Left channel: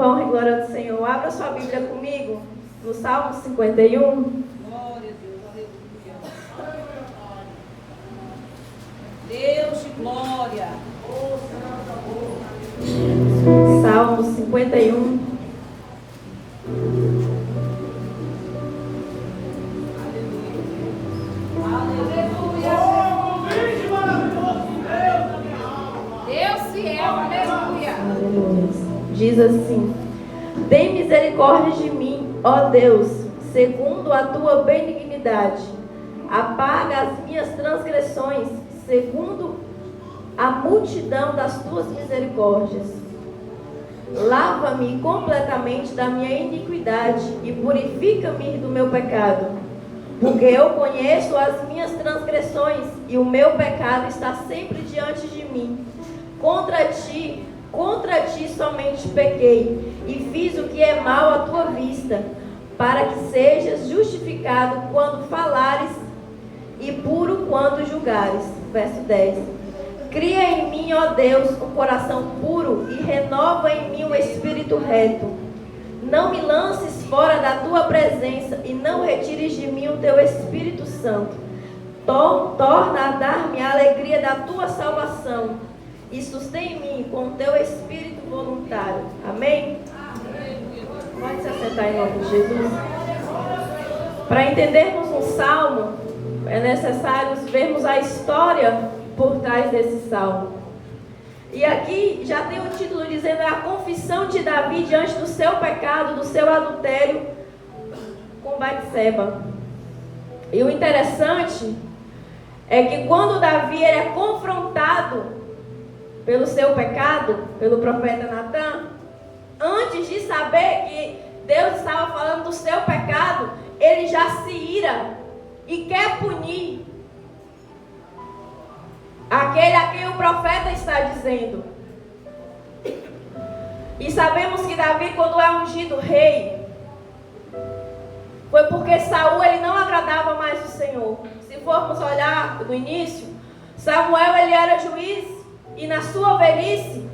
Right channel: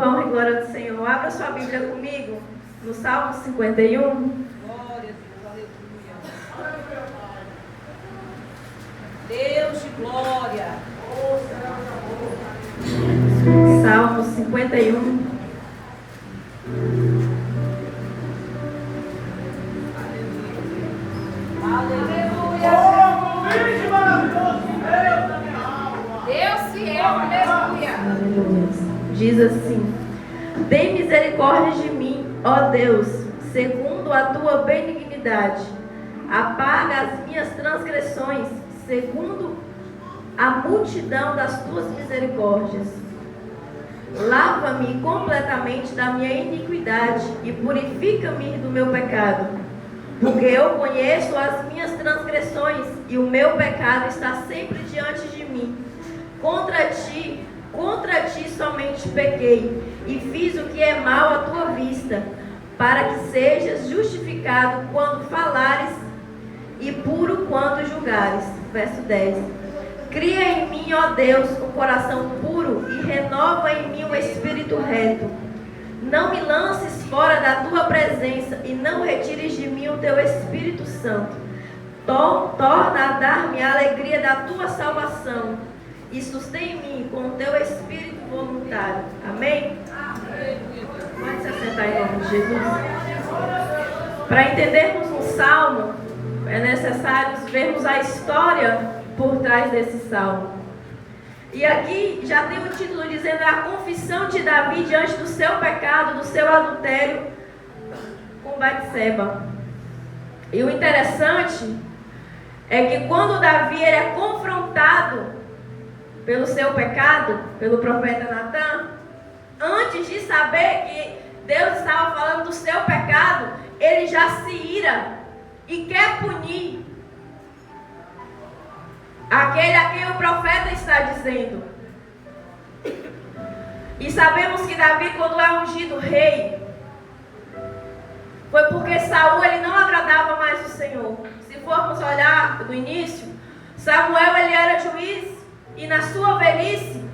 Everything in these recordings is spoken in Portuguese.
para a honra e glória do Senhor. Abra sua Bíblia comigo no Salmo 51. Glória a Deus, aleluia. Deus de glória. Salmo 51. Diz assim: tem misericórdia de mim, ó Deus, segundo a tua benignidade. Apaga as minhas transgressões, segundo a multidão das tuas misericórdias. Lava-me completamente da minha iniquidade e purifica-me do meu pecado. Porque eu conheço as minhas transgressões e o meu pecado está sempre diante de mim. Contra ti somente pequei e fiz o que é mal à tua vista, para que sejas justificado quando falares e puro quando julgares. Verso 10. Cria em mim, ó Deus, um coração puro e renova em mim um espírito reto. Não me lances fora da tua presença e não retires de mim o teu Espírito Santo. Torna a dar-me a alegria da tua salvação e sustém em mim com o teu espírito voluntário. Amém? Pode se assentar em nome de Jesus. Para entendermos um salmo, é necessário vermos a história por trás desse salmo. E aqui já tem o título dizendo a confissão de Davi diante do seu pecado, do seu adultério com Batseba. E o interessante é que quando Davi ele é confrontado pelo seu pecado, pelo profeta Natan, antes de saber que Deus estava falando do seu pecado, ele já se ira e quer punir aquele a quem o profeta está dizendo. E sabemos que Davi, quando é ungido rei, foi porque Saul ele não agradava mais o Senhor. Se formos olhar no início, Samuel ele era juiz e na sua velhice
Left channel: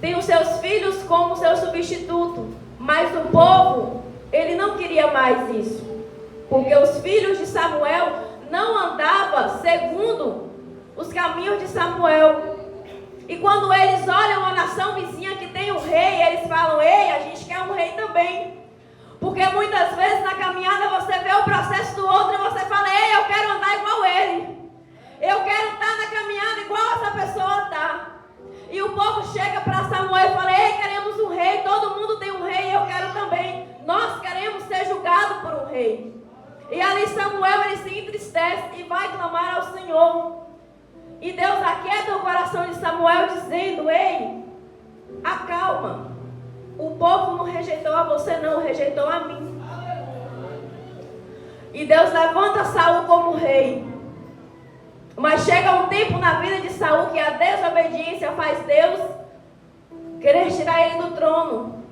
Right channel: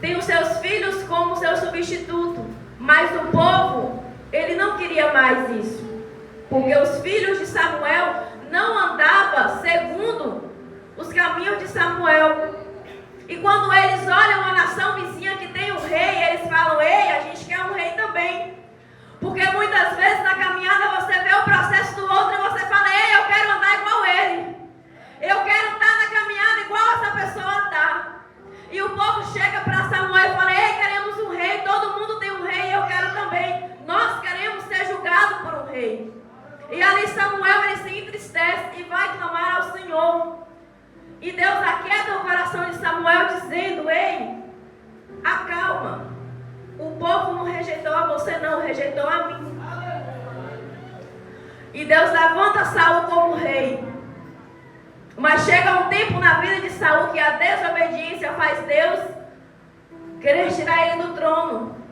tem os seus filhos como seu substituto, mas o povo ele não queria mais isso, porque os filhos de Samuel não andavam segundo os caminhos de Samuel. E quando eles olham a nação vizinha que tem um rei, eles falam: ei, a gente quer um rei também. Porque muitas vezes na caminhada você vê o processo do outro e você fala: ei, eu quero andar igual ele. Eu quero estar na caminhada igual essa pessoa está. E o povo chega para Samuel e fala: ei, queremos um rei, todo mundo tem um rei e eu quero também. Nós queremos ser julgados por um rei. E ali Samuel ele se entristece e vai clamar ao Senhor. E Deus aquieta o coração de Samuel dizendo: ei, acalma. O povo não rejeitou a você não, rejeitou a mim. E Deus levanta Saul como rei. Mas chega um tempo na vida de Saul que a desobediência faz Deus querer tirar ele do trono.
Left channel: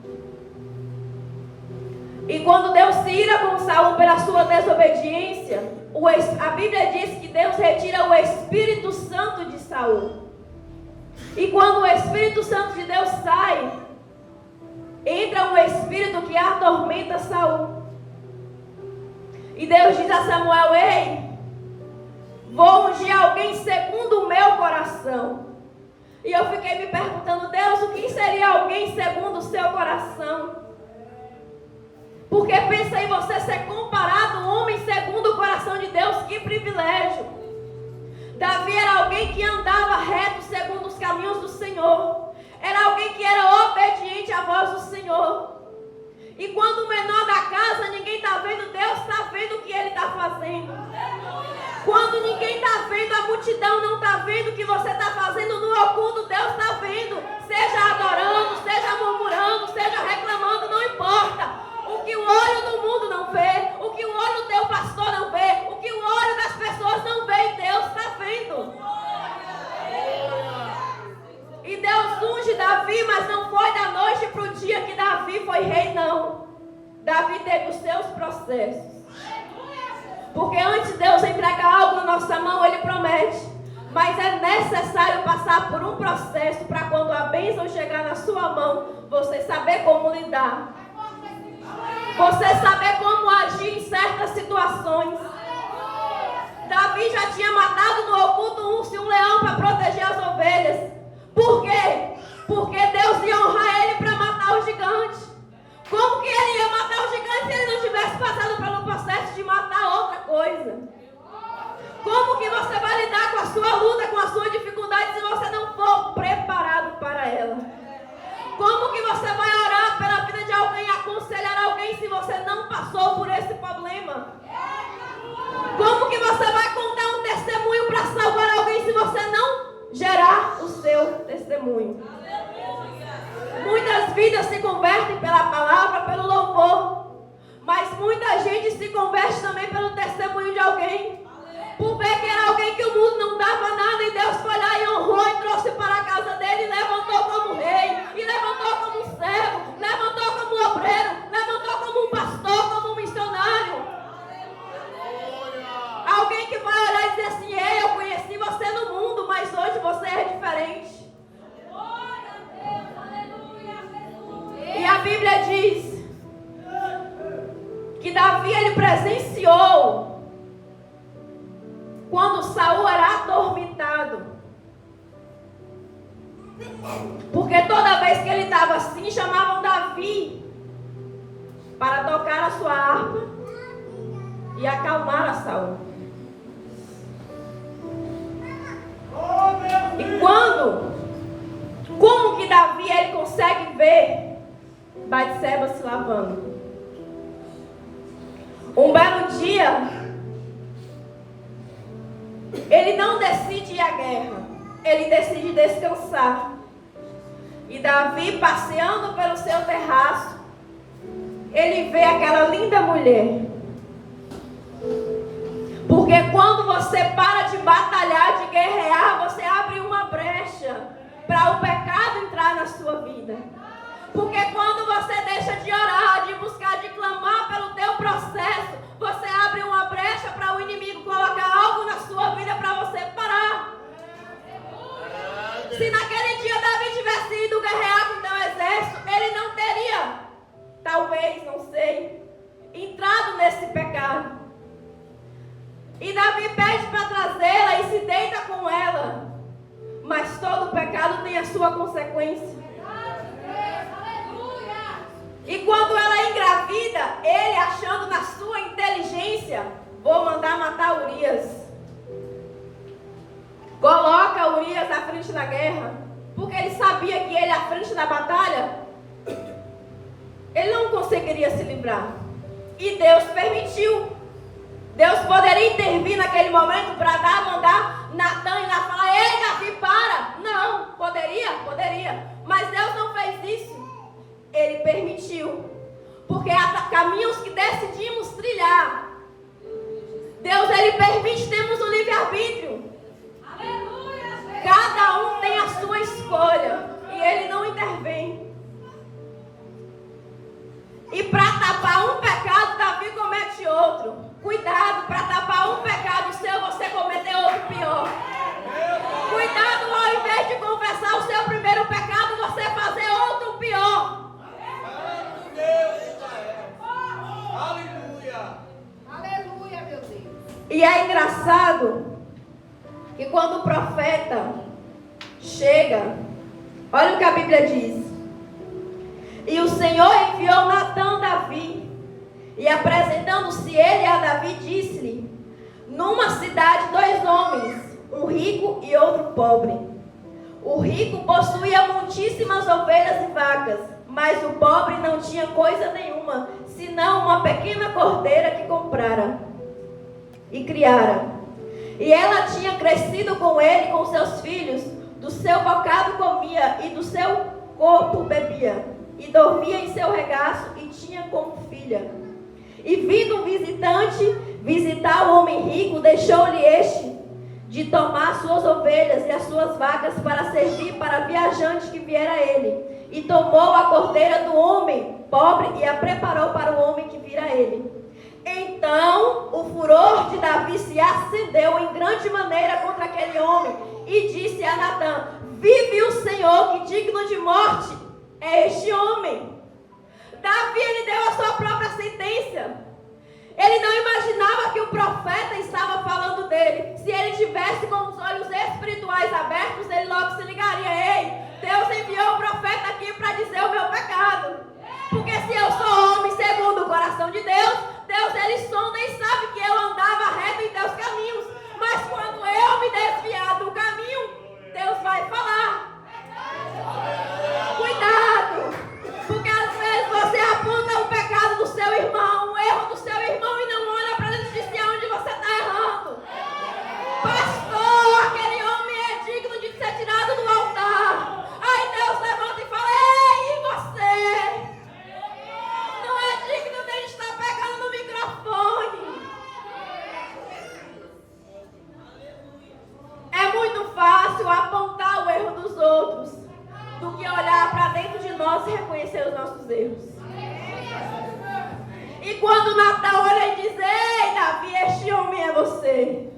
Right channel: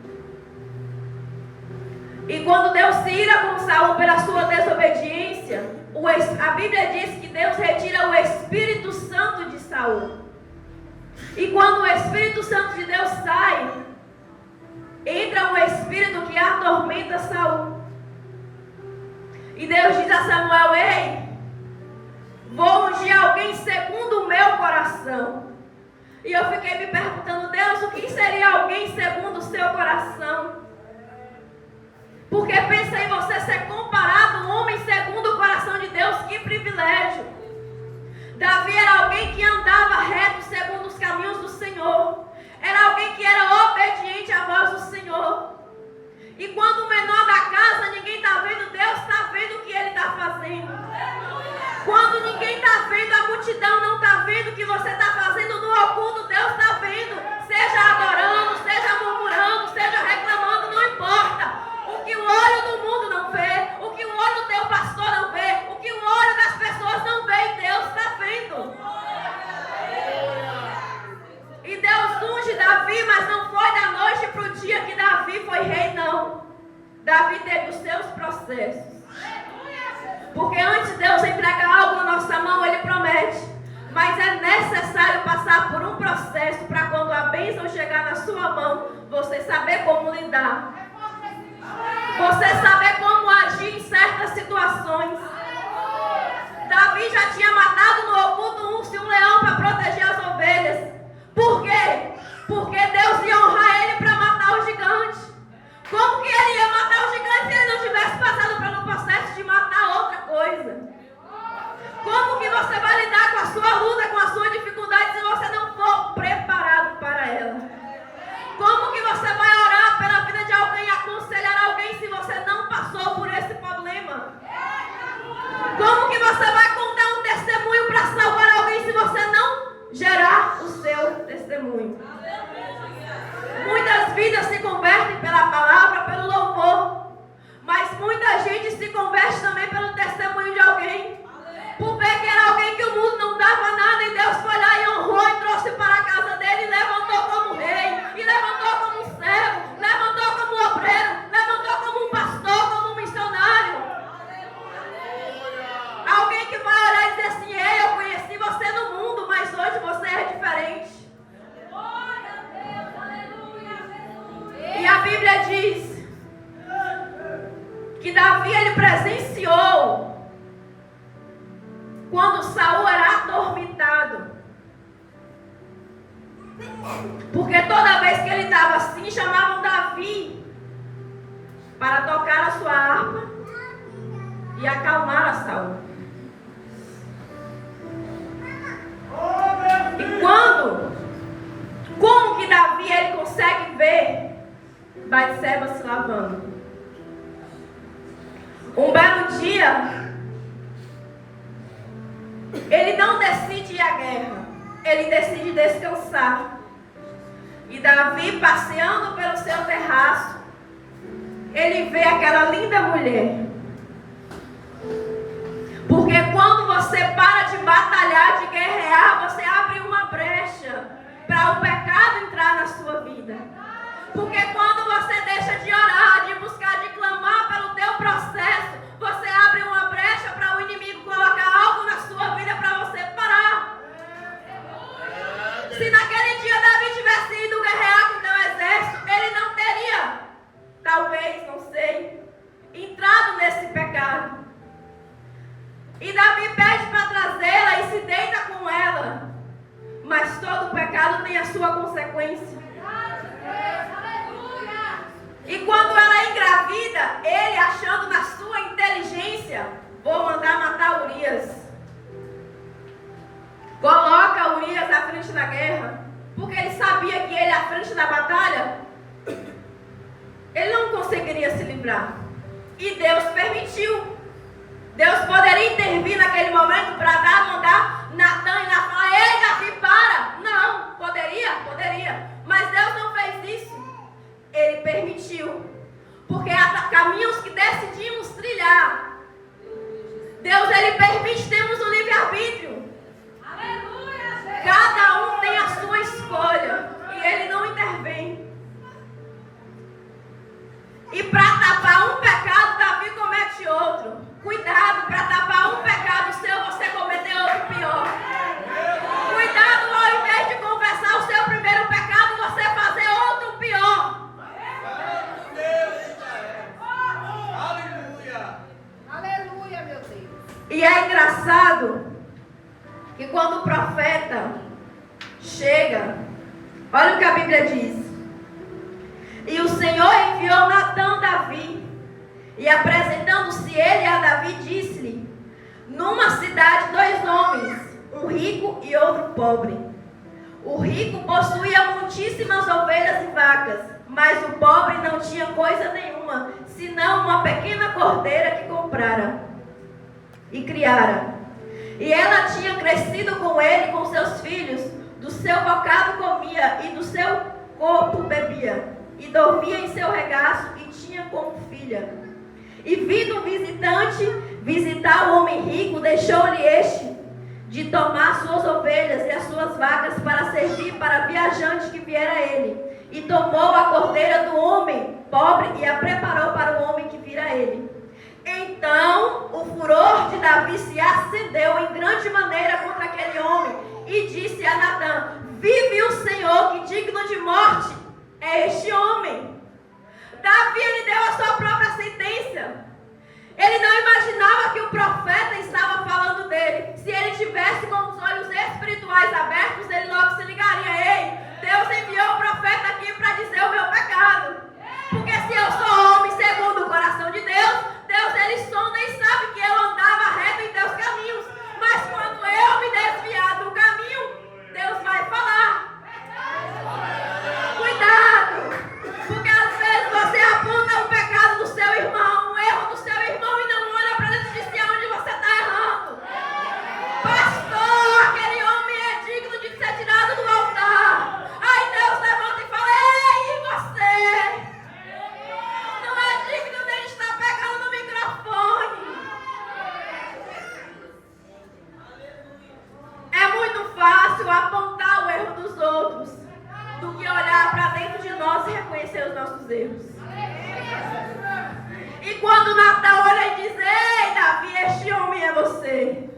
E quando Deus se ira com Saul pela sua desobediência, a Bíblia diz que Deus retira o Espírito Santo de Saul. E quando o Espírito Santo de Deus sai, entra um espírito que atormenta Saul. E Deus diz a Samuel: ei, vou ungir alguém segundo o meu coração. E eu fiquei me perguntando: Deus, o que seria alguém segundo o seu coração? Porque pensa em você ser comparado a um homem segundo o coração de Deus, que privilégio. Davi era alguém que andava reto segundo os caminhos do Senhor. Era alguém que era obediente à voz do Senhor. E quando o menor da casa, ninguém está vendo, Deus está vendo o que ele está fazendo. Quando ninguém está vendo, a multidão não está vendo o que você está fazendo no oculto, Deus está vendo. Seja adorando, seja murmurando, seja reclamando, não importa. O que o olho do mundo não vê, o que o olho do teu pastor não vê, o que o olho das pessoas não vê, Deus está vendo. E Deus unge Davi, mas não foi da noite para o dia que Davi foi rei, não. Davi teve os seus processos. Porque antes Deus entregar algo na nossa mão, Ele promete: Mas é necessário passar por um processo para quando a bênção chegar na sua mão, você saber como lidar. Você saber como agir em certas situações. Davi já tinha matado no oculto um leão para proteger as ovelhas. Por quê? Porque Deus ia honrar ele para matar o gigante. Como que ele ia matar o gigante se ele não tivesse passado pelo processo de matar outra coisa? Como que você vai lidar com a sua luta, com a sua dificuldade, se você não for preparado para ela? Como que você vai orar pela vida de alguém, aconselhar alguém, se você não passou por esse problema? Como que você vai contar um testemunho para salvar alguém, se você não gerar o seu testemunho? Muitas vidas se convertem pela palavra, pelo louvor, mas muita gente se converte também pelo testemunho de alguém. Por ver que era alguém que o mundo não dava nada, e Deus foi lá e honrou e trouxe para a casa dele e levantou como rei, e levantou como um servo, levantou como um obreiro, levantou como um pastor, como um missionário. Alguém que vai olhar e dizer assim: ei, eu conheci você no mundo, mas hoje você é diferente. E a Bíblia diz que Davi, ele presenciou quando Saul era atormentado. Porque toda vez que ele estava assim, chamavam Davi para tocar a sua harpa e acalmar a Saul. E como que Davi, ele consegue ver Batseba se lavando? Um belo dia, ele não decide ir à guerra, ele decide descansar. E Davi, passeando pelo seu terraço, ele vê aquela linda mulher. Porque quando você para de batalhar, de guerrear, você abre uma brecha para o pecado entrar na sua vida. Porque quando você deixa de orar, de buscar, de clamar pelo teu processo, você abre uma brecha para o inimigo colocar algo na sua vida para você parar. Se naquele dia Davi tivesse ido guerrear com o teu exército, ele não teria, talvez, não sei, entrado nesse pecado. E Davi pede para trazê-la e se deita com ela. Mas todo pecado tem a sua consequência. E quando ela engravida, ele, achando na sua inteligência, vou mandar matar Urias. Coloca Urias à frente da guerra, porque ele sabia que ele, à frente da batalha, ele não conseguiria se livrar. E Deus permitiu. Deus poderia intervir naquele momento para mandar Natan ir lá falar: ei, Davi, para! Não, poderia. Mas Deus não fez isso. Ele permitiu. Porque há caminhos que decidimos trilhar. Deus, ele permite, temos o livre-arbítrio. Cada um tem a sua escolha. E ele não intervém. E para tapar um pecado, Davi comete outro. Cuidado, para tapar um pecado seu, você cometer outro pior. Cuidado, ao invés de confessar o seu primeiro pecado, você fazer outro pior. Aleluia, meu Deus. E é engraçado que quando o profeta chega, olha o que a Bíblia diz. E o Senhor enviou Natan a Davi, e apresentando-se ele a Davi, disse-lhe: numa cidade 2 homens, um rico e outro pobre. O rico possuía muitíssimas ovelhas e vacas, mas o pobre não tinha coisa nenhuma, senão uma pequena cordeira que comprara e criara. E ela tinha crescido com ele, com seus filhos, do seu bocado comia e do seu corpo bebia, e dormia em seu regaço e tinha como filha. E vindo um visitante visitar o homem rico, deixou-lhe este de tomar suas ovelhas e as suas vacas para servir para viajante que viera a ele. E tomou a cordeira do homem pobre e a preparou para o homem que vira a ele. Então o furor de Davi se acendeu em grande maneira contra aquele homem e disse a Natã: vive o Senhor, que digno de morte é este homem. Davi, ele deu a sua própria sentença. Ele não imaginava que o profeta estava falando dele. Se ele tivesse com os olhos espirituais abertos, ele logo se ligaria: ei, Deus enviou o profeta aqui para dizer o meu pecado. Porque se eu sou homem segundo o coração de Deus, Deus ele sonda e sabe que eu andava reto em teus caminhos. Mas quando eu me desviar do caminho, Deus vai falar. Cuidado! Porque às vezes você aponta o pecado do seu irmão, o erro do seu irmão, e não olha para dentro de si onde você está errando. Pastor, aquele homem é digno de ser tirado do altar. Aí Deus levanta e fala: ei, e você? Não é digno de estar pegando no microfone. É muito fácil apontar o erro dos outros do que olhar para dentro de nós e reconhecer os nossos erros. E quando Natã olha e diz: ei, Davi, este homem é você.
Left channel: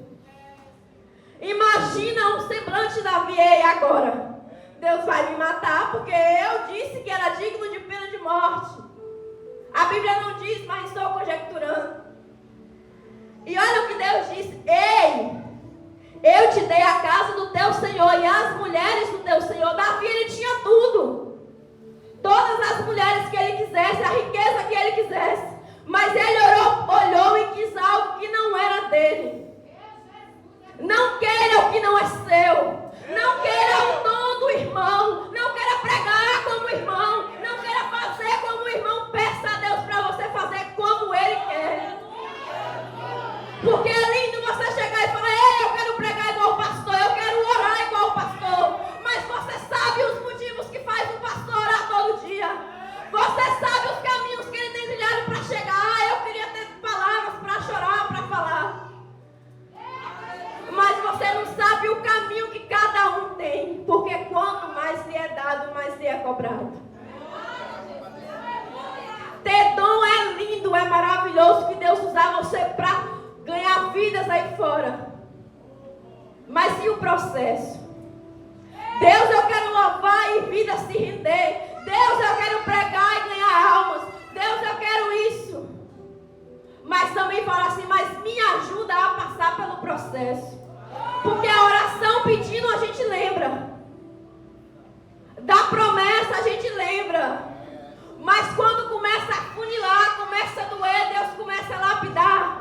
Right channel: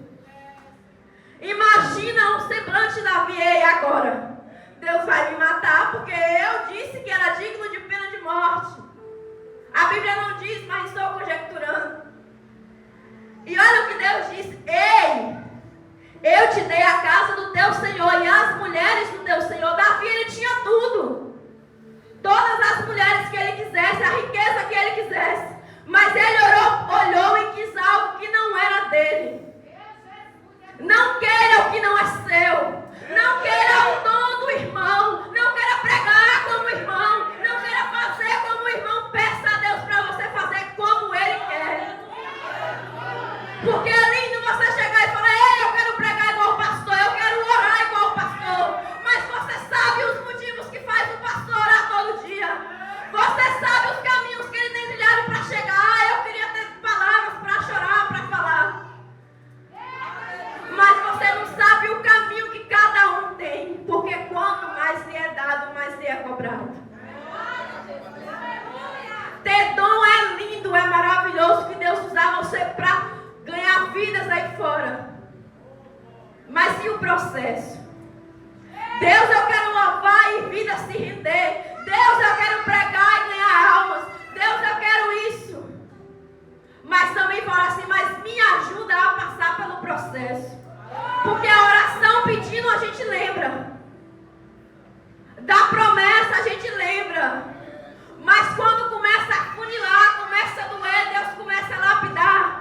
Imagina um semblante de Davi: ei, agora Deus vai me matar porque eu disse que era digno de pena de morte. A Bíblia não diz, mas estou conjecturando. E olha o que Deus disse: ei, eu te dei a casa do teu Senhor e as mulheres do teu Senhor. Davi, ele tinha tudo. Todas as mulheres que ele quisesse, a riqueza que ele quisesse. Mas ele olhou e quis algo que não era dele. Não queira o que não é seu. Não queira o dom do irmão. Não queira pregar como irmão. Não queira fazer como o irmão. Peça a Deus para você fazer como ele quer. Porque é lindo você chegar e falar: ei, eu quero pregar igual o pastor, eu quero orar igual o pastor. Mas você sabe os motivos que faz o pastor orar todo dia. Você sabe os caminhos que ele tem trilhado para chegar. Eu queria ter palavras para chorar, para falar. Mas você não sabe o caminho que cada um tem. Porque quanto mais lhe é dado, mais lhe é cobrado. Ter dom é lindo, é maravilhoso, que Deus usar você para ganhar vidas aí fora. Mas e o processo? Deus, eu quero louvar e vidas se render. Deus, eu quero pregar e ganhar almas. Deus, eu quero isso. Mas também fala assim: mas me ajuda a passar pelo processo. Porque a oração pedindo a gente lembra. Da promessa a gente lembra. Mas quando começa a funilar, começa a doer, Deus começa a lapidar.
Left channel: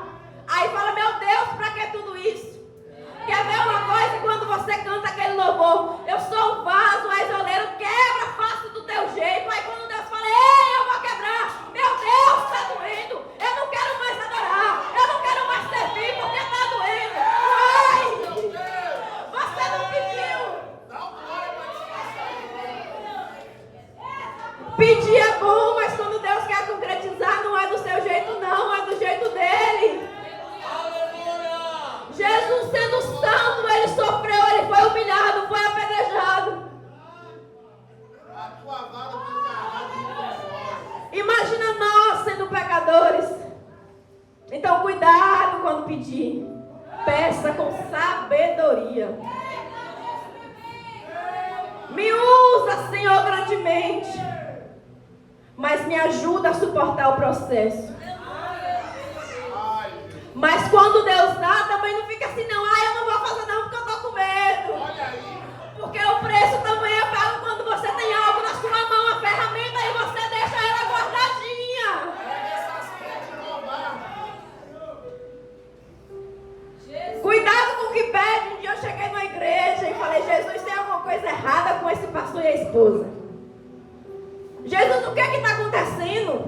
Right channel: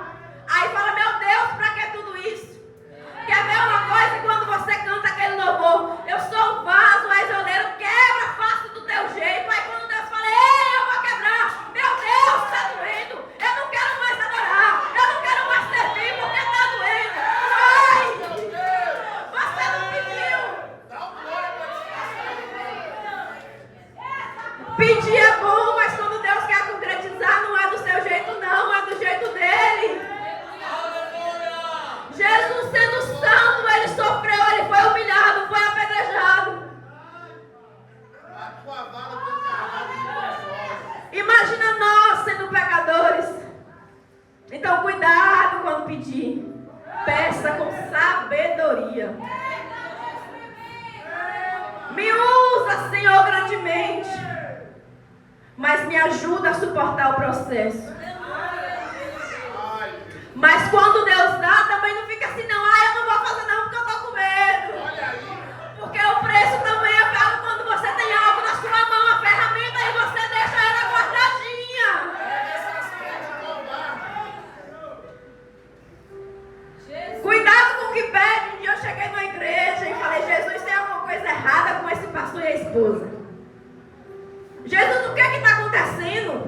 Aí fala: meu Deus, para que tudo isso? Quer ver uma coisa? Quando você canta aquele louvor: eu sou um vaso, és oleiro, quebra, faça do teu jeito. Aí quando Deus fala: ei, eu vou quebrar, meu Deus, está doendo. Eu não quero mais adorar, eu não quero mais servir porque está doendo. Ai, você não pediu. Pedir é bom, mas quando Deus quer concretizar, não é do seu jeito não, é do jeito dele. Jesus, sendo santo, ele sofreu, ele foi humilhado, foi apedrejado. Imagina nós sendo pecadores. Então cuidado quando pedir. Peça com sabedoria. Me usa, Senhor, grandemente. Mas me ajuda a suportar o processo. Mas quando Deus dá, também não fica assim: não, eu não vou fazer não porque eu estou com medo. Porque o preço também é pago quando você tem algo na sua mão, a ferramenta, e você deixa ela guardadinha. Cuidado com o que pede. Um dia eu cheguei na igreja e falei: Jesus, tem alguma coisa errada com esse pastor e a esposa? Jesus, o que está acontecendo?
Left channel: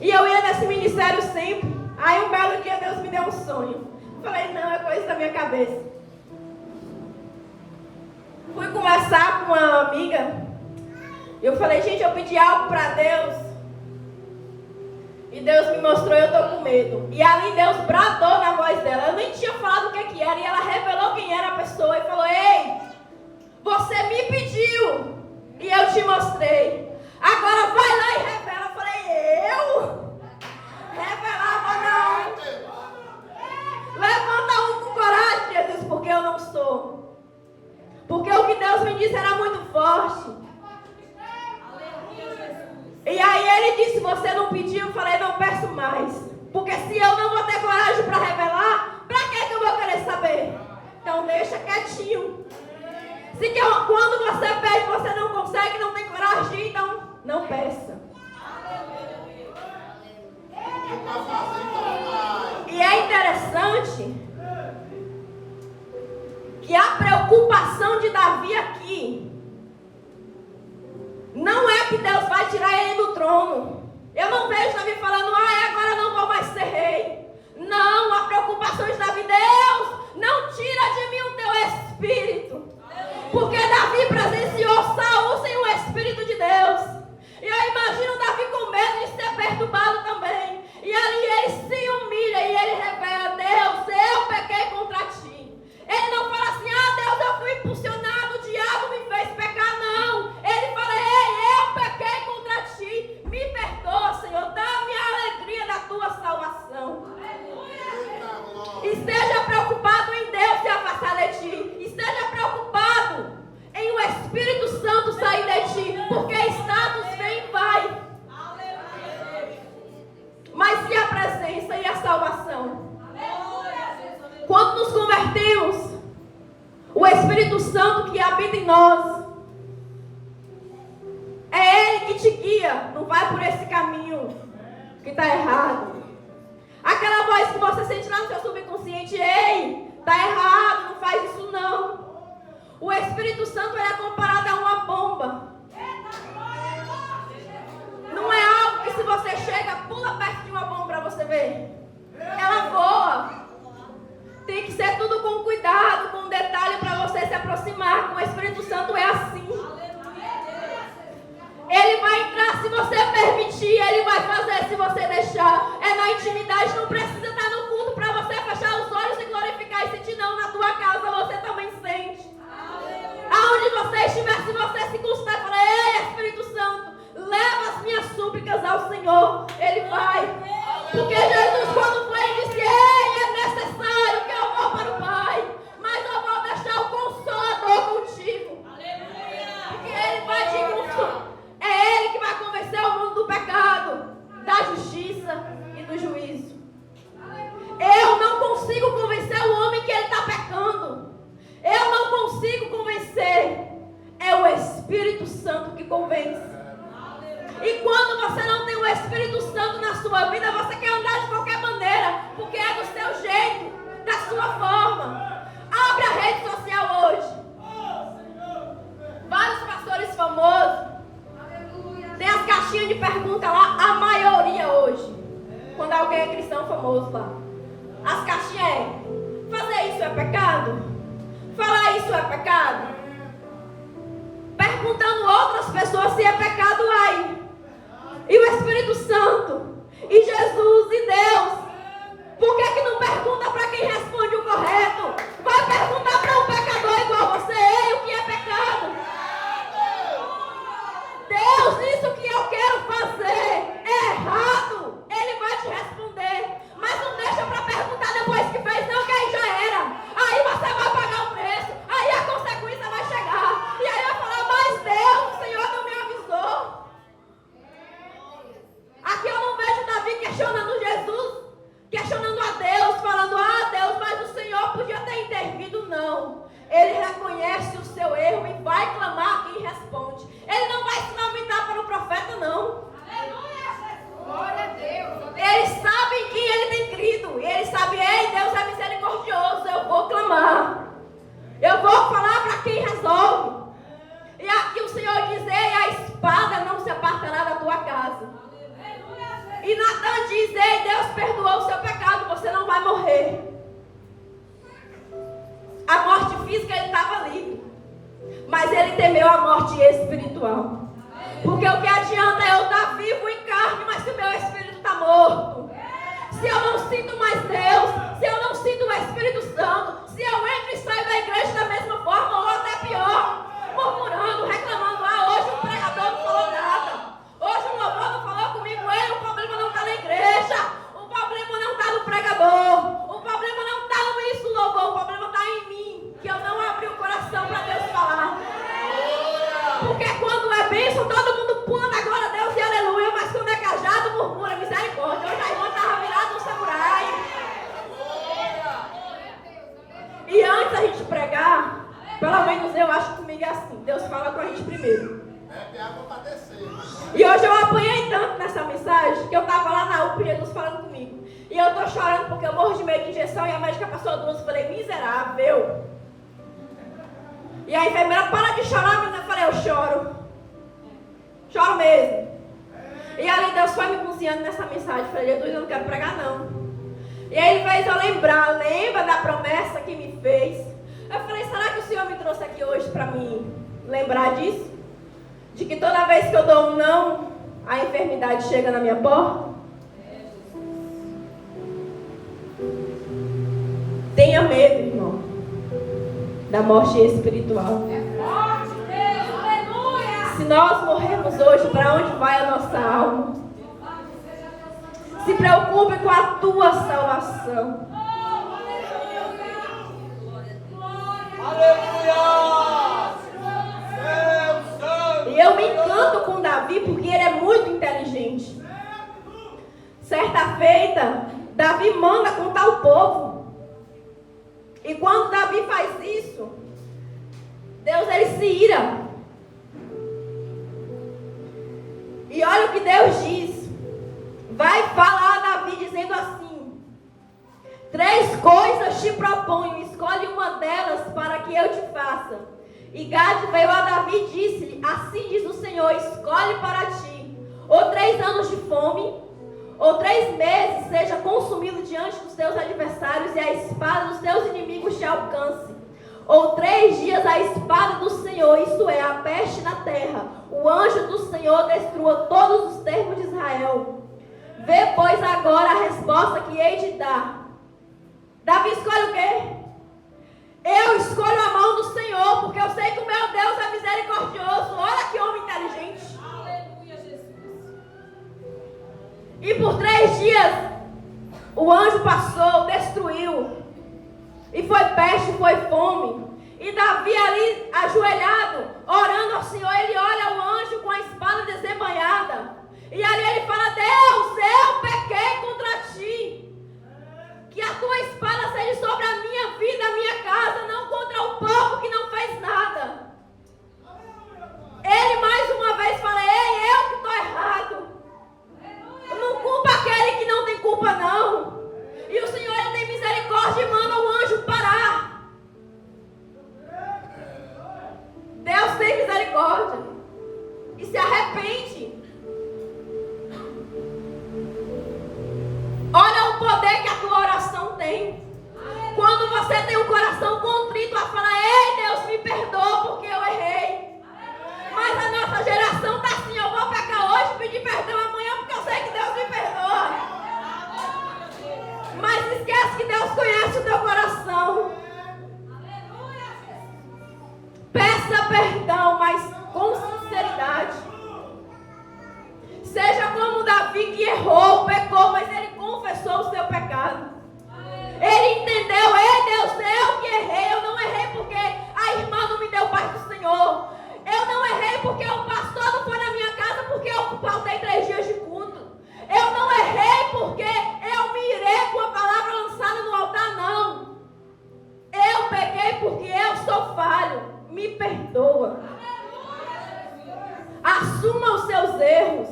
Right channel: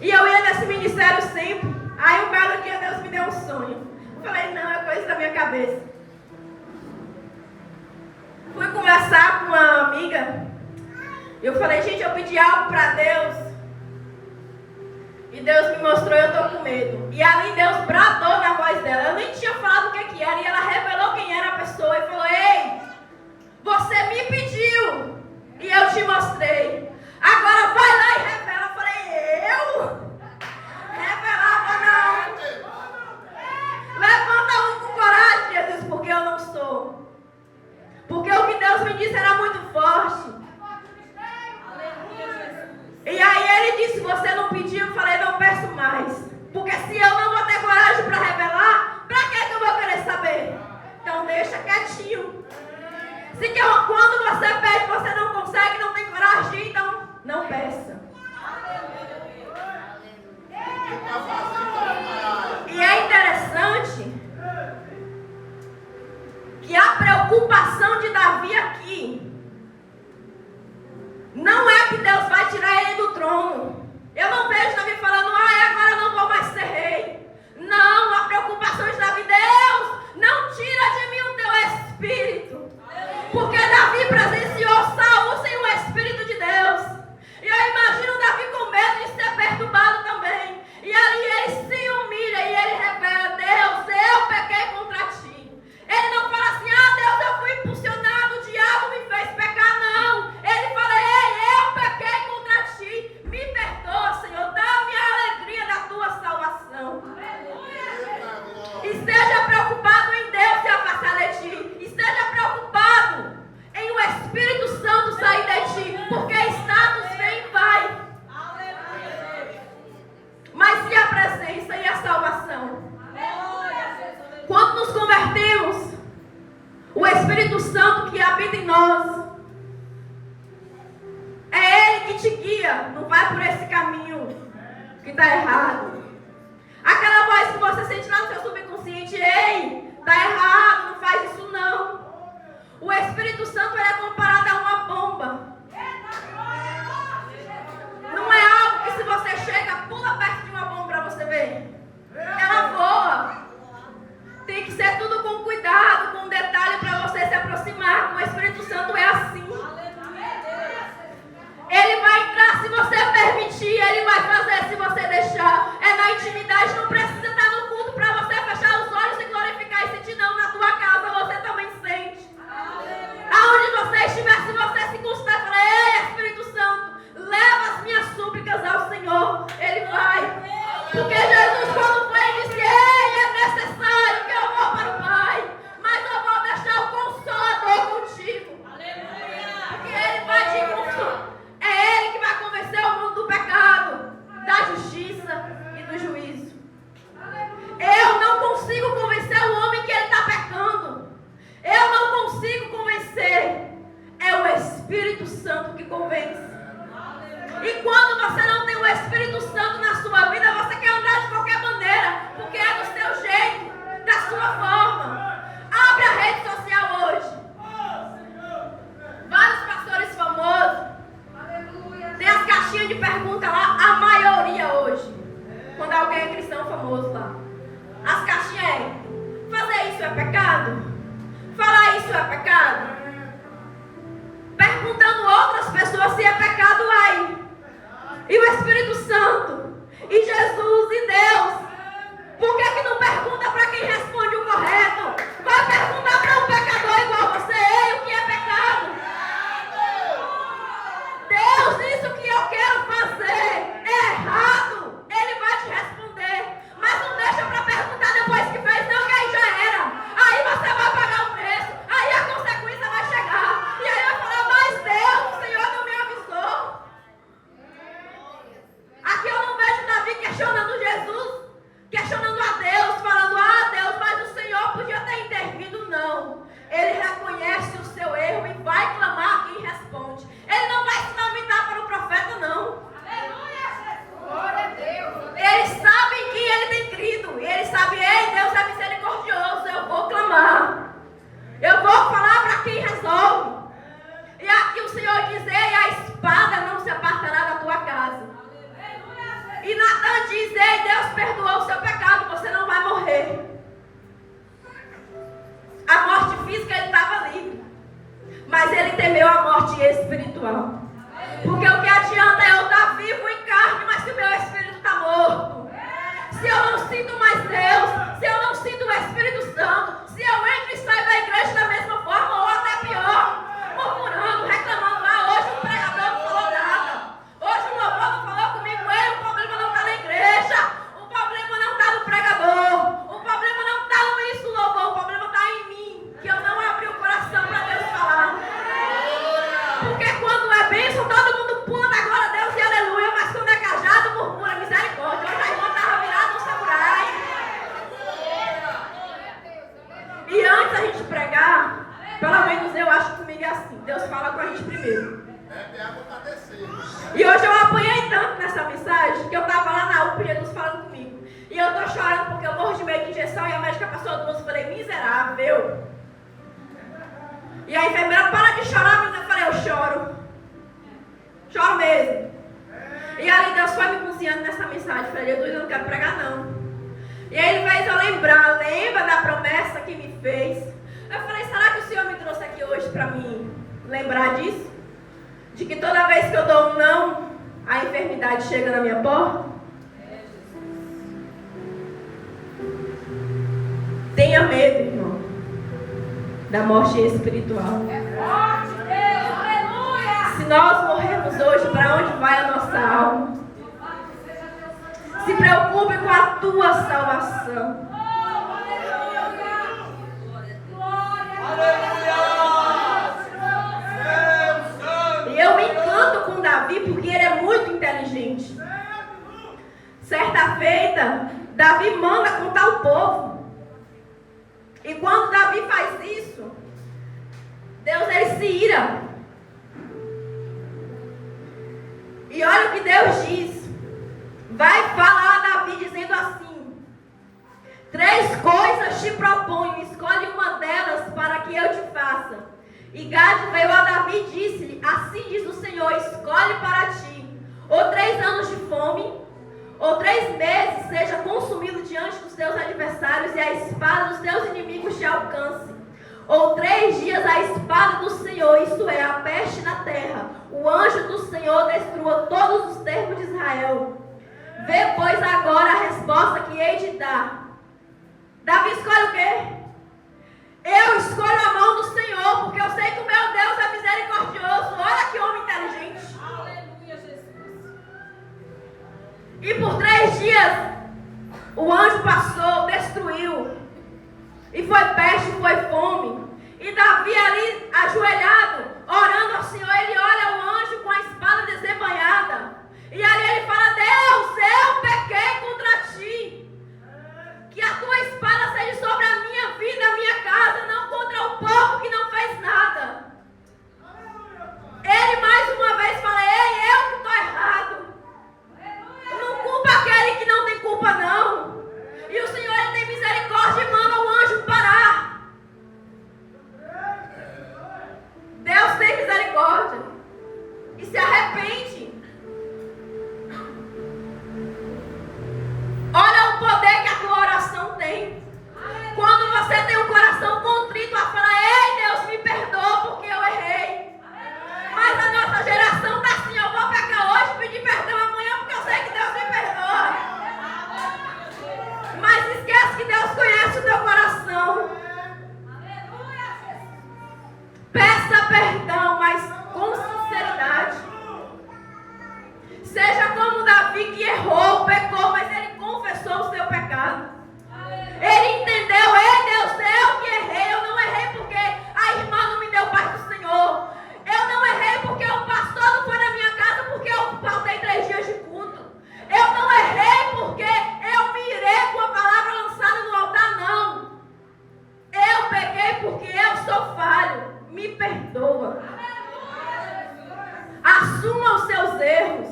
E eu ia nesse ministério sempre. Aí um belo dia Deus me deu um sonho. Falei: não, é coisa da minha cabeça. Fui conversar com uma amiga. Eu falei: gente, eu pedi algo para Deus. E Deus me mostrou, eu estou com medo. E ali Deus bradou na voz dela. Eu nem tinha falado o que era. E ela revelou quem era a pessoa. E falou: ei, você me pediu. E eu te mostrei. Agora vai lá e revela. Eu falei: eu? Revelava não. disse, você não pediu, eu falei, não peço mais. Porque se eu não vou ter coragem para revelar, para que eu vou querer saber? Então deixa quietinho. Quando você pede, você não consegue, não tem coragem de ir, então não peça. E é interessante que a preocupação de Davi aqui não é que Deus vai tirar ele do trono. Eu não vejo Davi falando, agora não vou mais ser rei. Não, a preocupação de Davi, Deus, não tira de mim o teu espírito. Porque Davi presenciou Saul sem o espírito de Deus. E eu imagino Davi com medo de ser perturbado também. E ali ele se humilha e ele revela, Deus, eu pequei contra ti. Ele não fala assim, Deus, eu fui impulsionado, o diabo me fez pecar, não. Ele fala, ei, eu pequei contra ti, me perdoa, Senhor, dá-me a alegria da tua salvação. Esteja preocupado em Deus se afastar de ti. Esteja preocupado em o Espírito Santo sair de ti, porque status vem e vai. Mas e a presença e a salvação? Quando nos convertemos, o Espírito Santo que habita em nós, é Ele que te guia. Não vai por esse caminho que está errado. Aquela voz que você sente lá no seu subconsciente, ei, está errado, não faz isso não. O Espírito Santo ele é comparado a uma bomba. Não é algo que se você chega, pula perto de uma bomba para você ver. Ela voa. Tem que ser tudo com cuidado, com detalhe para você se aproximar. Com o Espírito Santo é assim. Ele vai entrar se você permitir, ele vai fazer se você deixar. É na intimidade, não precisa estar no culto para você fechar os olhos e glorificar e sentir, não. Na tua casa você também sente. Aonde você estiver, se você se consultar e falar, ei, Espírito Santo, leva as minhas súplicas ao Senhor, ele vai. Porque Jesus, quando foi, ele disse, ei, é necessário que eu vou para o Pai, mas eu vou deixar o Consolador contigo. Porque ele vai te consolar. É Ele que vai convencer o mundo do pecado, da justiça e do juízo. Eu não consigo convencer o homem que ele está pecando. Eu não consigo convencer. É o Espírito Santo que convence. E quando você não tem o Espírito Santo na sua vida, você quer andar de qualquer maneira, porque é do seu jeito, da sua forma. Abre a rede social hoje. Vários pastores famosos tem as caixinhas de pergunta lá, a maioria hoje. Quando alguém é cristão famoso lá. As caixinhas é, fazer isso é pecado? Falar isso é pecado? Perguntando outras pessoas se é pecado aí. E o Espírito Santo, e Jesus, e Deus. Por que não pergunta para quem responde o correto? Vai perguntar para um pecador igual você, ei, o que é pecado? Deus, isso que eu quero fazer é errado. Ele vai te responder. Mas não deixa para perguntar depois que fez, não, que aí já era. Aí você vai pagar o preço. Aí a consequência vai chegar. E aí vai falar, mas Deus, o Senhor não me avisou. Aqui eu não vejo Davi questionando Jesus, questionando a Deus, falando, Deus, mas o Senhor podia ter intervido. Não. Ele reconhece o seu erro e vai clamar a quem responde. Ele não vai se lamentar para o profeta, não. Aleluia, Jesus. Glória a Deus. Ele sabe em quem ele tem crido. E ele sabe, ei, Deus é misericordioso, eu vou clamar. Eu vou falar para quem resolve. E aqui o Senhor diz, ei, a espada não se apartará da tua casa. E Natan diz, ei, Deus perdoou o seu pecado, você não vai morrer. A morte física ele estava livre. Mas ele temeu a morte espiritual. Porque o que adianta eu estar vivo em carne, mas se o meu espírito está morto? Se eu não sinto mais Deus, se eu não sinto o Espírito Santo, se eu entro e saio da igreja da mesma forma, ou até pior, murmurando, reclamando, hoje o pregador não falou nada, hoje o louvor não falou comigo, o problema não está na igreja, o problema não está no pregador, o problema não está no ministro do louvor, o problema está em mim, que eu não abri o coração para Deus falar. Porque quando é bênção, todo mundo pula da glória a Deus. que eu estava lá na UPA e Jesus falando comigo. E eu estou chorando porque eu morro de medo de injeção e a médica passou duas. Eu falei, miserável. E a enfermeira, para de chorar, menina. Eu falei, eu choro. Choro mesmo. E ali Deus foi me cozinhando nessa mensagem. Eu falei, Jesus, eu não quero pregar não. E aí ele fez eu lembrar, lembra da promessa que me fez. Eu falei, será que o Senhor me trouxe aqui hoje para me lembrar disso? De que toda vez que eu dou um não, a enfermidade chega na minha porta? Tenha medo, irmão, da morte espiritual. Se nós morrermos hoje, para onde vai a nossa alma? Se preocupe com a tua salvação. E eu me encanto com Davi porque ele é muito inteligente. Certa feita, Davi manda contar o povo. E quando Davi faz isso, Deus ele se ira. E olha o que Deus diz. Vai falar a Davi dizendo assim: 3 coisas te proponho, escolhe uma delas para que eu te faça. E Gade veio a Davi e disse-lhe: assim diz o Senhor, escolhe para ti, ou 3 anos de fome, ou 3 meses seja consumido diante dos teus adversários e a espada dos teus inimigos te alcance. Ou 3 dias a espada do Senhor, isto é, a peste na terra, o anjo do Senhor destrua todos os termos de Israel. Vê, pois, agora a resposta que hei de dar. Davi escolhe o quê? Eu escolho a mão do Senhor, porque eu sei que o meu Deus é misericordioso. Olha que homem inteligente. Aleluia, Jesus. E por 3 dias, o anjo passou, destruiu. E foi peste, foi fome. E Davi ali, ajoelhado, orando ao Senhor, ele olha o anjo com a espada desembanhada. E ali ele fala: Deus, eu pequei contra ti. Que a tua espada seja sobre a minha vida, a minha casa, não contra o povo que não fez nada. Ele mais uma vez fala: ei, eu que estou errado. Não culpa aquele que não tem culpa não. E o Senhor ele tem misericórdia e manda o anjo parar. Deus tem misericórdia e se arrepende. Olha o poder que a tua oração tem. Quando você tem um coração contrito a falar: ei, Deus, me perdoa porque eu errei. Mas a nossa geração está assim: eu vou pecar hoje, pedir perdão amanhã porque eu sei que Deus me perdoa. Mas esquece que Deus conhece o teu coração. Peça perdão, mas com sinceridade. Seja como Davi, que errou, pecou, mas ele confessou o seu pecado. Ele entendeu: ei, Deus, eu que errei. Eu não errei porque a irmã não me deu paz do Senhor. Eu não errei porque o pastor não foi na minha casa porque eu faltei 3 dias de culto. Eu não errei porque eu me irei com a palavra lançada no altar, não. Eu peguei porque eu sou falho. Me perdoa. Assuma os seus erros.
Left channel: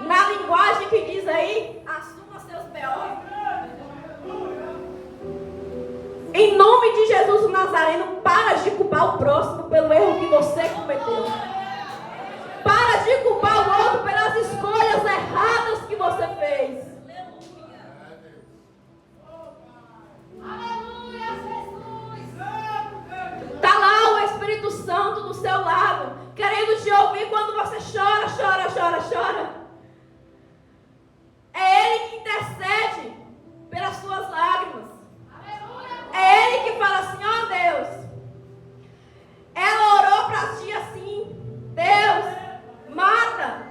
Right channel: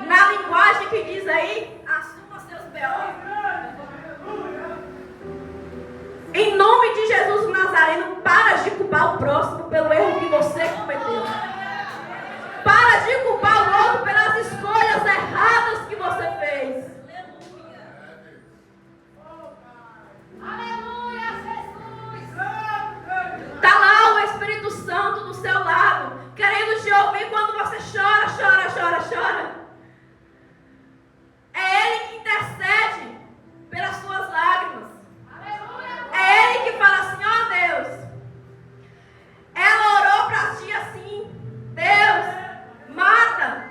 Na linguagem que diz aí, assuma seus B.O. Em nome de Jesus o Nazareno, para de culpar o próximo pelo erro que você cometeu. Para de culpar o outro pelas escolhas erradas que você fez. Aleluia, Jesus. Está lá o Espírito Santo do seu lado, querendo te ouvir quando você chora, chora, chora, chora. É Ele que intercede pelas suas lágrimas. É Ele que fala assim: ó Deus, ela orou para ti assim: Deus, mata.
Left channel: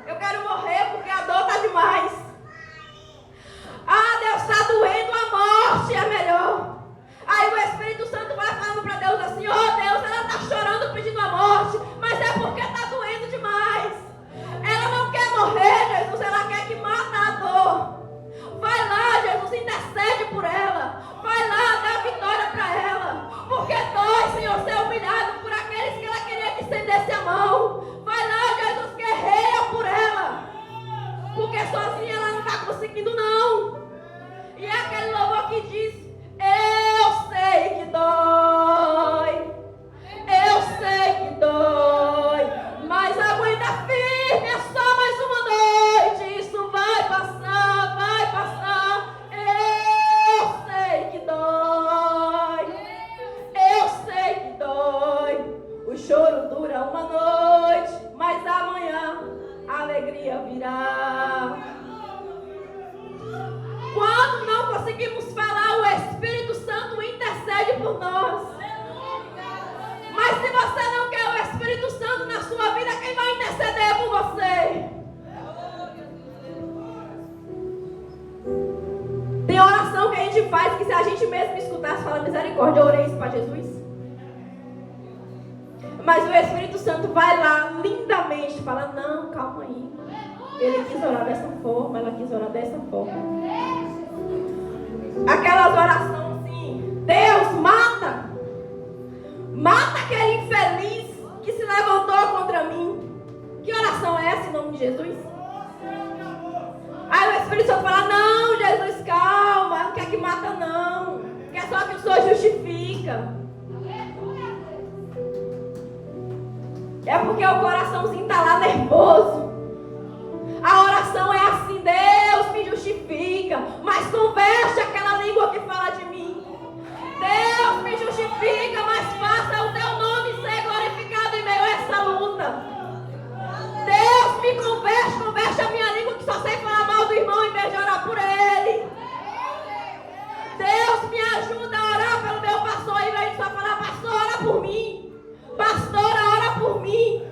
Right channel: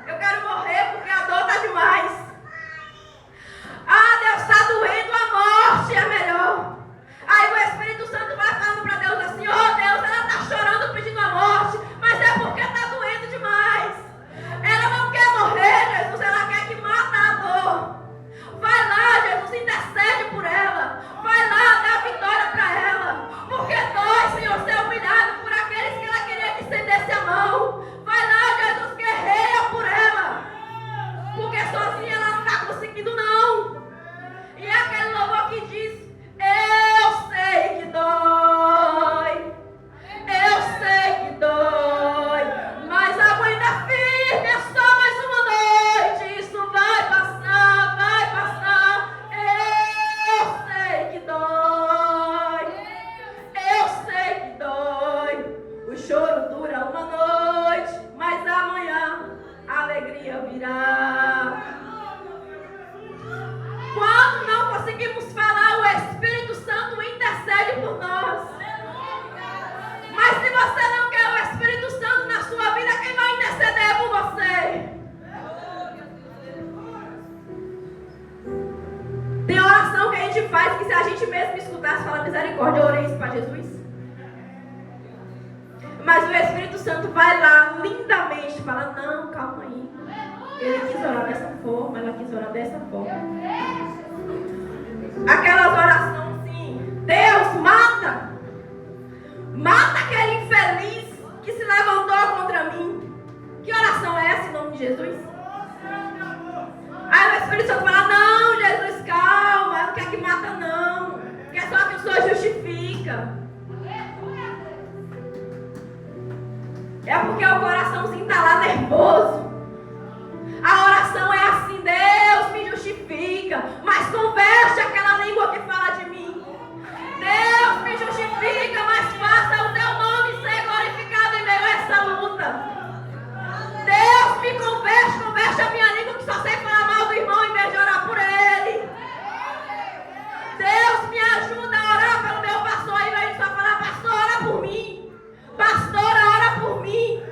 conseguimos falar, o Espírito Santo intercede por nós. Mas se você não quer o Espírito Santo na sua vida, quem vai interceder por você? Tem oração que a gente faz que se a gente mesmo escutasse, fala misericórdia, eu orei isso para Jesus. Mas o Espírito Santo vai lá lindamente, fala, não, calma aí. Ele quis orar dessa forma, ela quis orar dessa forma. Aquelas orações assim, Deus, mata! Mata aquele infeliz que se levantou contra mim. Que oração é essa em nome de Jesus? Aí o Espírito Santo fala, não, Jesus, calma, não quer que mata não. Quer só que o Senhor justifica. É porque o coraçãozinho está lá nervoso. A oração é assim, Deus me justifica, mas converte aquela língua que fala de mim. Deus me justifica, mas faça o teu nome ser glorificado em meio a essa luta. Deus me converte a minha língua que só sei falar mal do irmão em vez de orar por ele. Deus me ajuda a orar pelo meu pastor em vez de só falar, pastor, ora por mim. Pastora, ora por mim.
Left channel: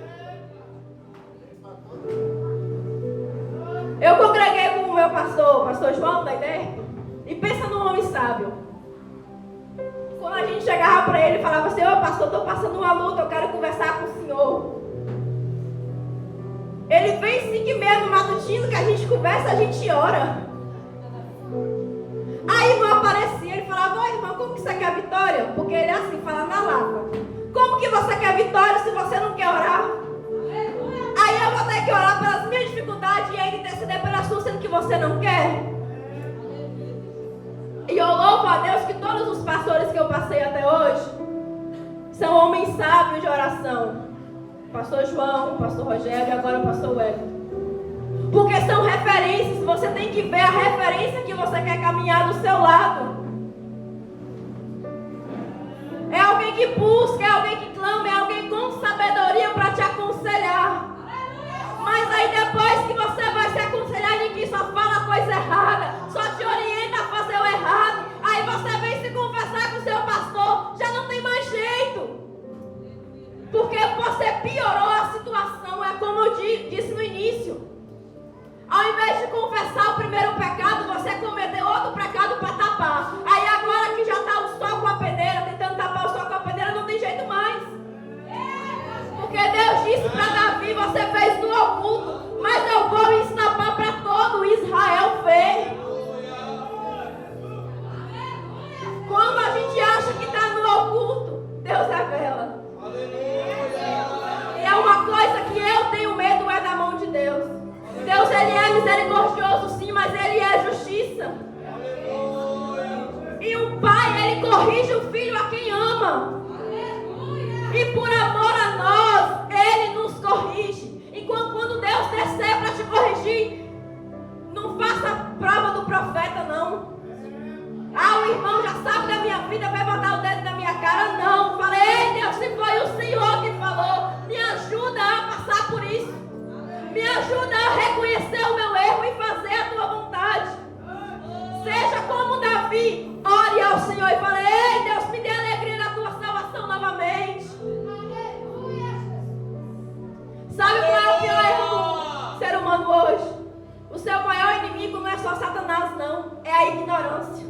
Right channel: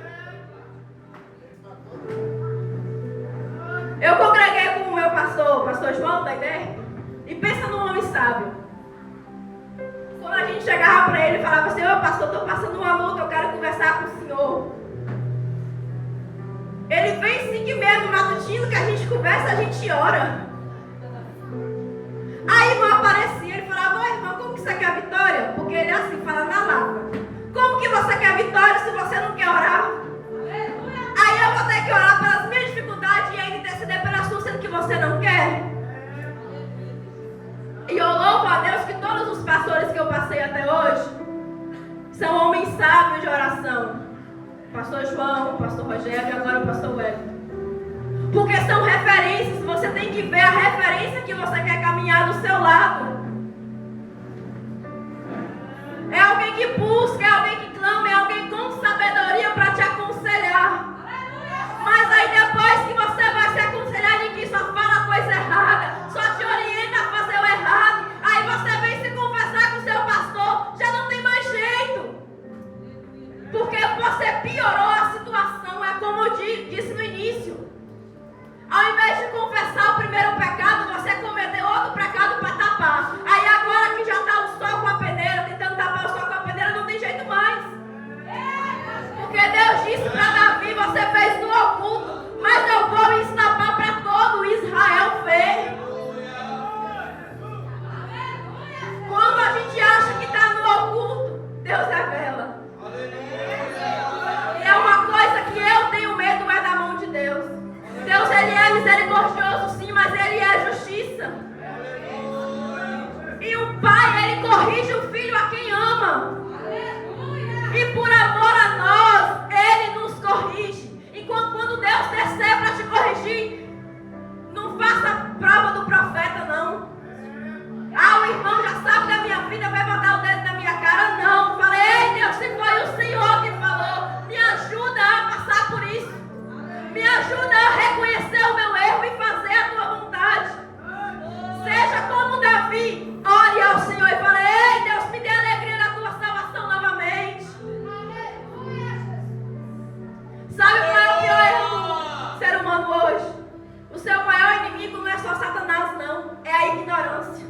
Eu congreguei com o meu pastor João da ideia, e pensa num homem sábio. Quando a gente chegava para ele e falava assim, ô pastor, estou passando uma luta, eu quero conversar com o senhor. Ele vem 5h30 no matutino que a gente conversa, a gente ora. Aí a irmã aparecia, ele falava, ô irmã, como que você quer vitória? Porque ele é assim, fala na lata. Como que você quer vitória se você não quer orar? Aí eu vou ter que orar pelas minhas dificuldades e ele interceder pelas suas, sendo que você não quer. E eu louvo a Deus que todos os pastores que eu passei até hoje são homens sábios de oração. O pastor João, o pastor Rogério e agora o pastor Wellington. Porque são referências, você tem que ver a referência que você quer caminhar do seu lado. É alguém que busca, é alguém que clama, é alguém com sabedoria para te aconselhar. Mas aí depois que você vai se aconselhar, ninguém só fala coisa errada, só te orienta a fazer o errado. Aí você vem se conversar com o seu pastor, já não tem mais jeito. Porque você piorou a situação, é como eu disse no início. Ao invés de confessar o primeiro pecado, você cometeu outro pecado para tapar. Aí agora que já está o sol com a peneira, tentando tapar o sol com a peneira, não tem jeito mais. Porque Deus disse para Davi, você fez no oculto, mas eu vou ensinar para todo Israel ver. Quando a gente acha que está no oculto, Deus revela. E é uma coisa que eu tenho medo, é da mão de Deus. Deus, Ele é misericordioso sim, mas Ele é justiça. E o Pai, Ele corrige o Filho a quem ama. E por amor a nós, Ele nos corrige. Enquanto quando Deus descer para te corrigir, não faça a prova do profeta, não. Ah, o irmão já sabe da minha vida, vai botar o dedo na minha cara, não. Falei, ei Deus, se foi o Senhor que falou, me ajuda a passar por isso. Me ajuda a reconhecer o meu erro e fazer a tua vontade. Seja como Davi, ore ao Senhor e fale, ei Deus, me dê a alegria da tua salvação novamente. Sabe qual é o pior erro do ser humano hoje? O seu maior inimigo não é só Satanás, não. É a ignorância.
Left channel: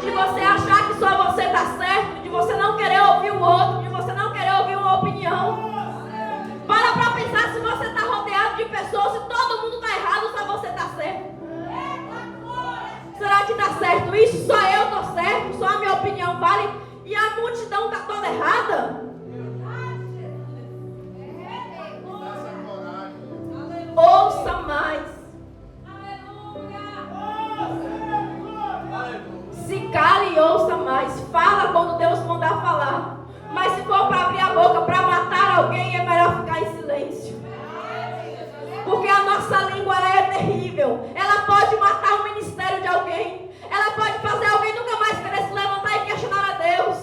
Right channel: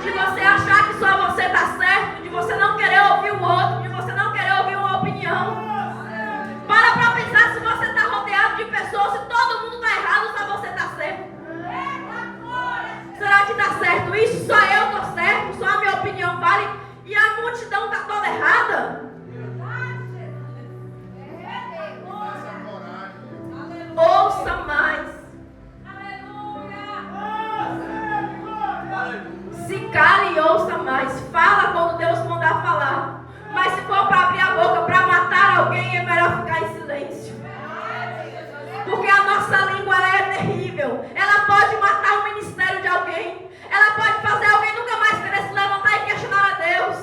De você achar que só você está certo, de você não querer ouvir o outro, de você não querer ouvir uma opinião. Para pensar se você está rodeado de pessoas, se todo mundo está errado, só você está certo. Será que está certo isso? Só eu estou certo, só a minha opinião vale e a multidão está toda errada? Ouça mais. Se cale e ouça mais. Fala quando Deus mandar falar. Mas se for para abrir a boca para matar alguém, é melhor ficar em silêncio. Porque a nossa língua ela é terrível. Ela pode matar o ministério de alguém. Ela pode fazer alguém nunca mais querer se levantar e questionar a Deus.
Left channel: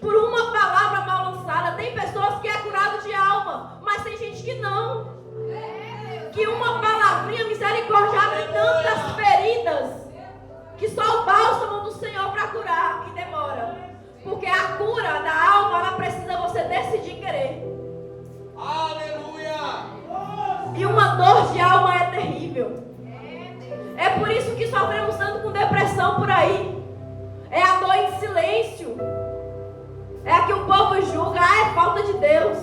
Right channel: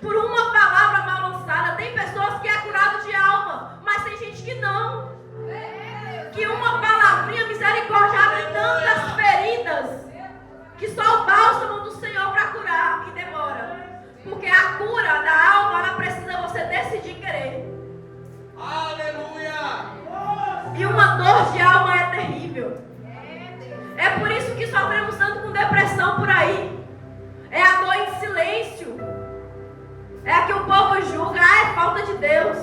Por uma palavra mal lançada. Tem pessoas que é curado de alma, mas tem gente que não. Que uma palavrinha misericórdia abre que só o bálsamo do Senhor para curar, e demora. Porque a cura da alma, ela precisa você decidir querer. Aleluia! E uma dor de alma é terrível. É por isso que sofremos tanto com depressão por aí. É a dor em silêncio. É a que o povo julga. É falta de Deus.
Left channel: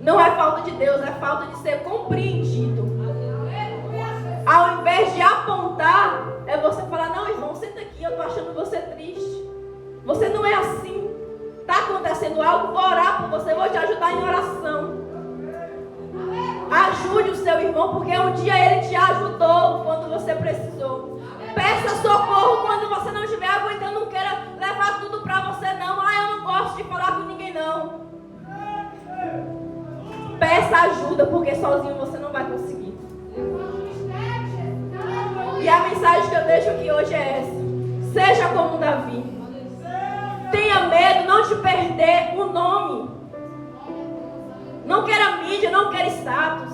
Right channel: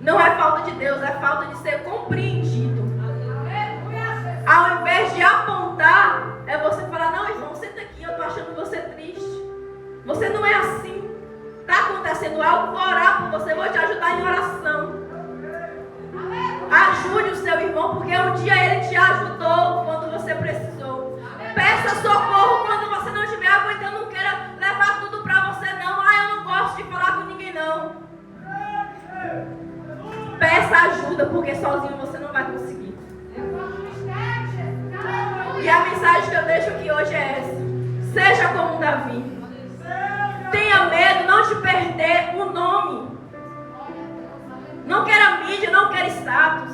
Não é falta de Deus, é falta de ser compreendido. Ao invés de apontar, é você falar: não, irmão, senta aqui, eu tô achando você triste. Você não é assim. Tá acontecendo algo, vou orar por você, vou te ajudar em oração. Ajude o seu irmão, porque um dia ele te ajudou quando você precisou. Peça socorro quando você não estiver aguentando. Não queira levar tudo pra você, não. Eu não gosto de falar com ninguém, não. Peça ajuda, porque sozinho você não vai conseguir. E a mensagem que eu deixo aqui hoje é essa: seja como Davi. Tenha medo não de perder o nome. Não queira mídia, não queira status.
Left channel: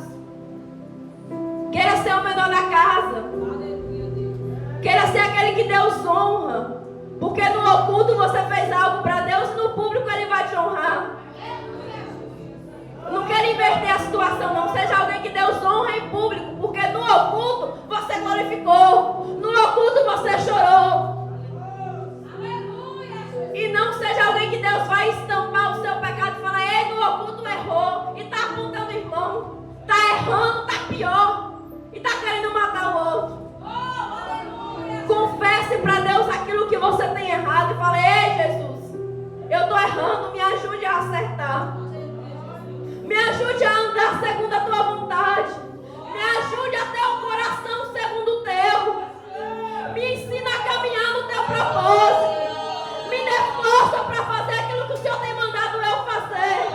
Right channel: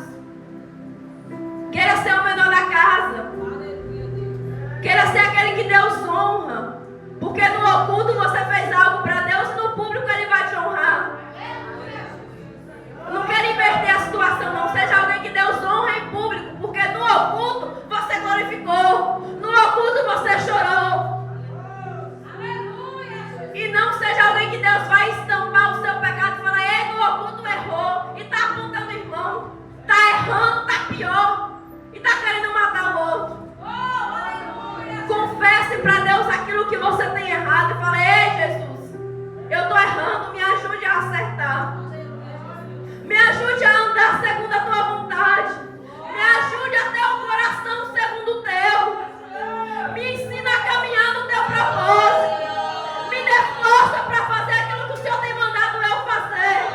Queira ser o menor da casa. Queira ser aquele que Deus honra. Porque no oculto você fez algo para Deus e no público Ele vai te honrar. Não queira inverter a situação, não. Seja alguém que Deus honra em público. Porque no oculto você glorificou. No oculto você chorou. E não seja alguém que Deus vai estampar o seu pecado e falar: ei, no oculto errou. E está apontando o irmão. Está errando, está pior. E está querendo matar o outro. Confesse para Deus aquilo que você tem errado e fale: ei, Jesus, eu estou errando, me ajude a acertar. Me ajude a andar segundo a tua vontade. Me ajude a ter um coração segundo o teu. Me ensina a caminhar no teu propósito. Me dê força para fazer aquilo que o Senhor tem mandado eu fazer.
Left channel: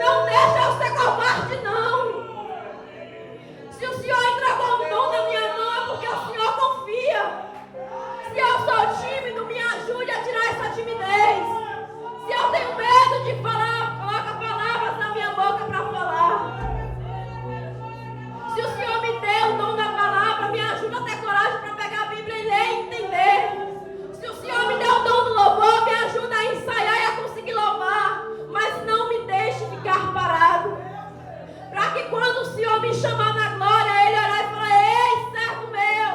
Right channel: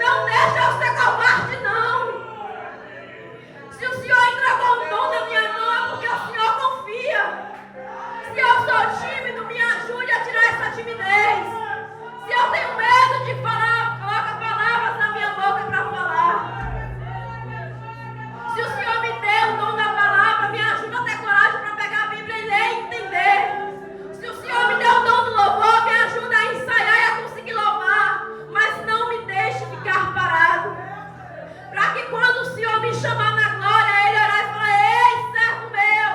Não deixa eu ser covarde, não. Se o Senhor entregou um dom na minha mão, é porque o Senhor confia. Se eu sou tímido, me ajude a tirar essa timidez. Se eu tenho medo de falar, coloca palavras na minha boca para falar. Se o Senhor me deu o dom da palavra, me ajuda a ter coragem para pegar a Bíblia e ler e entender. Se o Senhor me deu o dom do louvor, me ajuda a ensaiar e a conseguir louvar. Mas não me deixe ficar parado. Para que quando o Senhor me chamar na glória, Ele olhar e falar: ei, servo meu,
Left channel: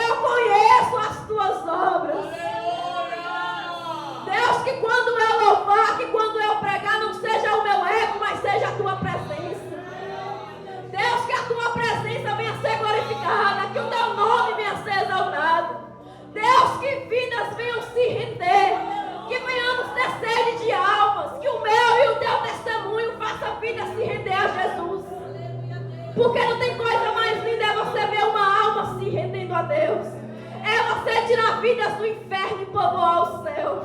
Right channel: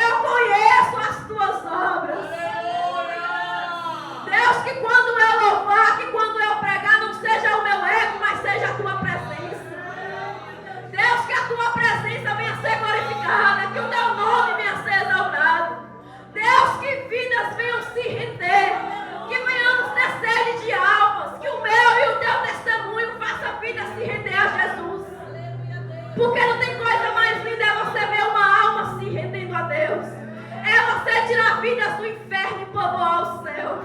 eu conheço as tuas obras. Deus, que quando eu louvar, que quando eu pregar, não seja o meu ego, mas seja a tua presença. Deus, que a tua presença venha ser glorificada, que o teu nome venha ser exaltado. Deus, que vidas venham se render, que venhamos ter sede de almas, que o meu e o teu testemunho faça vida se render a Jesus. Porque não tem coisa mais linda é você ver uma alma se rendendo a Deus. É você tirar vidas do inferno e povoar o céu.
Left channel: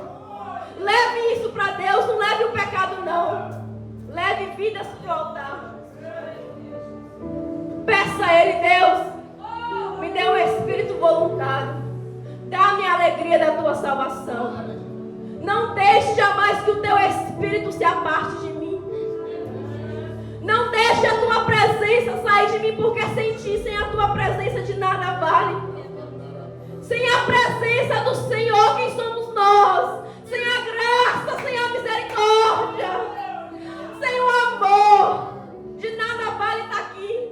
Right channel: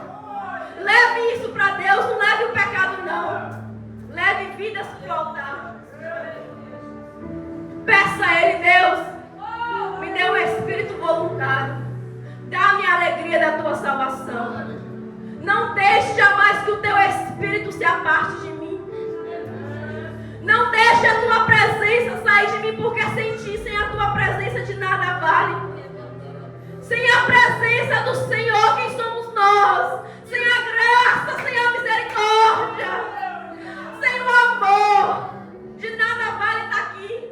Leve isso para Deus, não leve o pecado, não. Leve vidas para o altar. Peça a Ele: Deus, me dê um espírito voluntário. Dá-me a alegria da tua salvação. Não deixe jamais que o teu espírito se aparte de mim. Não deixe a tua presença sair de mim, porque sem ti, sem a tua presença, de nada vale. Sem a presença do Senhor, quem somos nós? Sem a graça, sem a misericórdia, sem o amor, de nada vale estar aqui.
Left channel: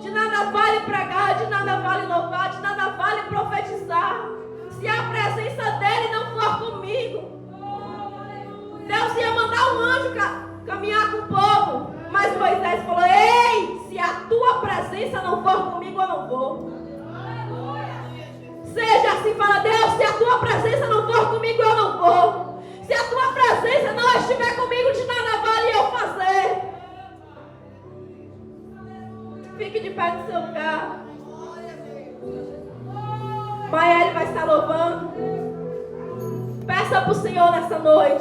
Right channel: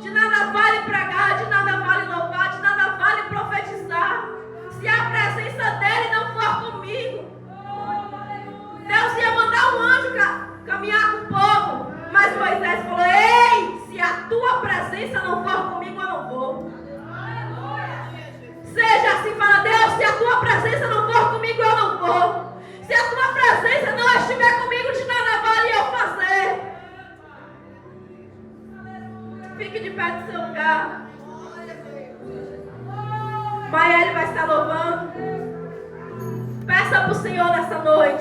De nada vale pregar, de nada vale louvar, de nada vale profetizar, se a presença dele não for comigo. Deus ia mandar um anjo caminhar com o povo, mas Moisés falou: ei, se a tua presença não for comigo, eu não vou. Seja assim, fala: Deus, se a tua presença não for comigo, eu não vou. Se a tua presença não estiver comigo, de nada vale eu fazer. Fique de pé no seu lugar. Maiele vai estar louvando. Peça para o Senhor nessa noite.